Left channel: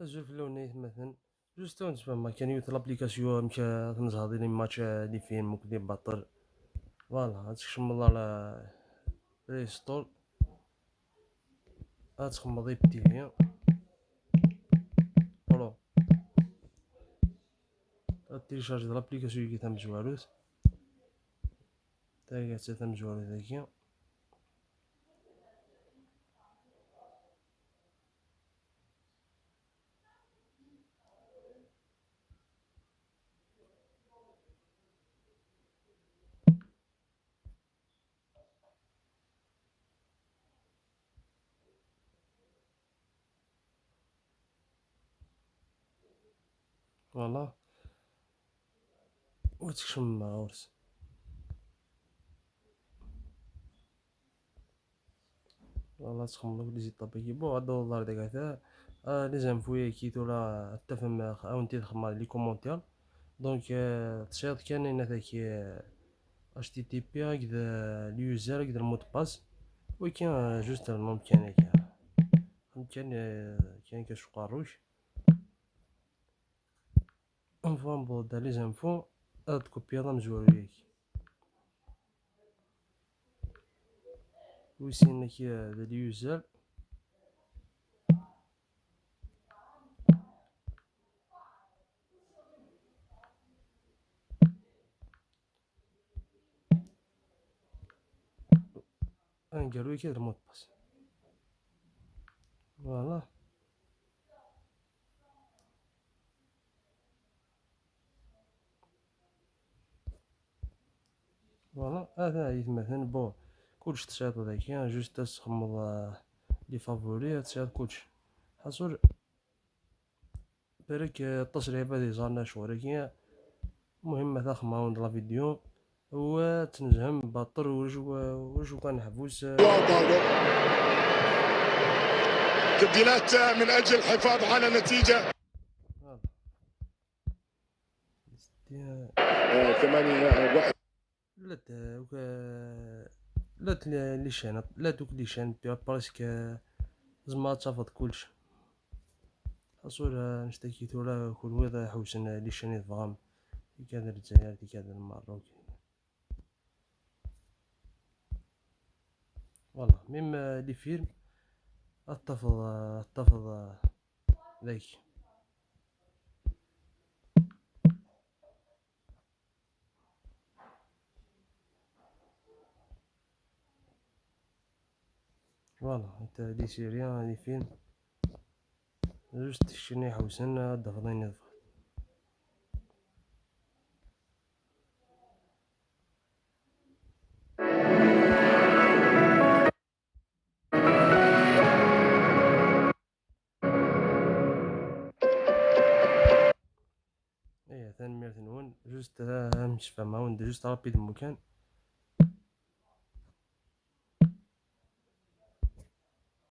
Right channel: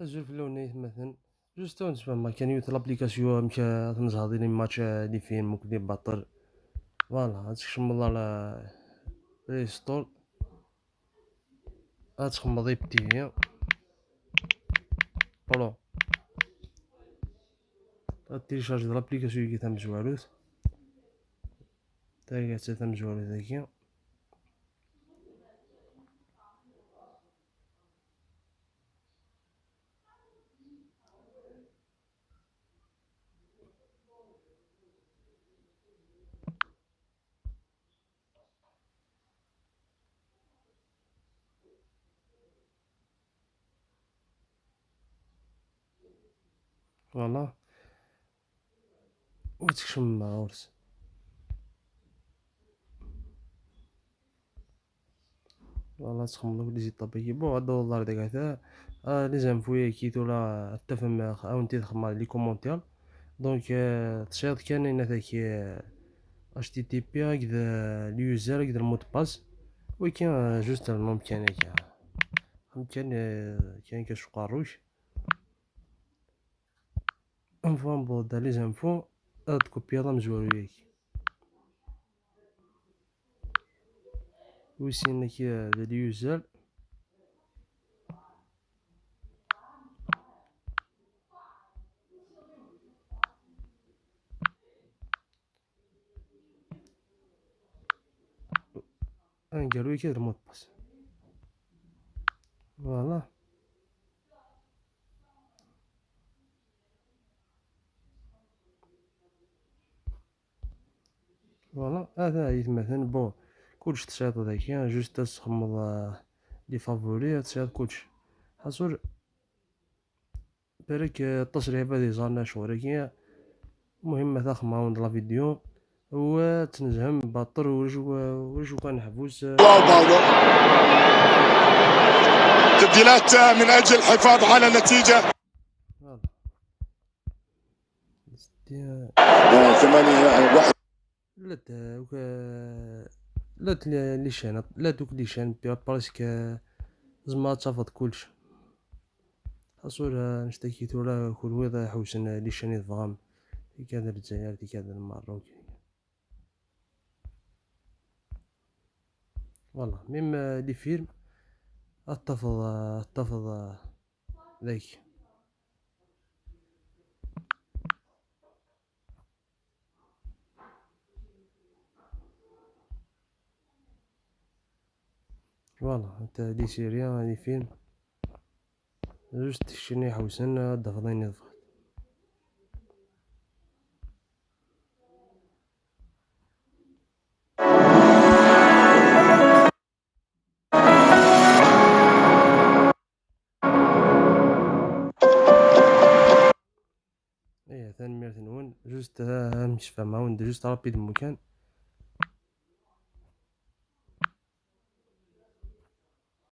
أجل في اللونيت مثلا جوست نسمع كان يوت لابليكاسيون مشا تنجهض لي ماتش لي فيلم وكلي باطل فوالا تكشم على بلاي ستور تخمض يبتي برو تيليشارج لابليكاسيون كي تم زوالوت تا تم زوالوت ذاكيا فوالا وتكشم غورس فوالا تخمض لي زيد طابيكي بو هاد الدولار داك هذا لي زانفوي كيتو لا تفهم اونتي تخمض لي كومونتير دونك تشيط كان هذاك اش تي تي بي هكذا اليوزر هكذا المود باس وكاين جوست المهم كان كاين كاش قاروش اون فوا نبوض لي زانفو تكوبي هذا مزوالو ياك ويسينا كي اليوزر نقالو كي المود باس فوالا فوالا هذا يتمثل بون كلش تشاط هذاك جوست تخمض لي فافوري تشاط كلش حصل بالك التصريف هذا زارنا شغل المهم مثلا خماون لا فيديو هو تنجم باطر وش كان حبوس تبديلات من اجل الحفاظ على النتيجه. لا لي شان لا دوك لي شان بارسك زعما تفض كلش حصول نشتكيتو راه كل ويض حوسن لي شان يضغام في كذا الجزائر في كذا المغرب فوالا ميم لي فيلم اتفض ذاك فوالا انت لي سيريا لي فيلم جوست شني حوسن دفضين يضغط ايه ثاني ميرث نون جوست مش فاهمة وند جوست رابيد المكان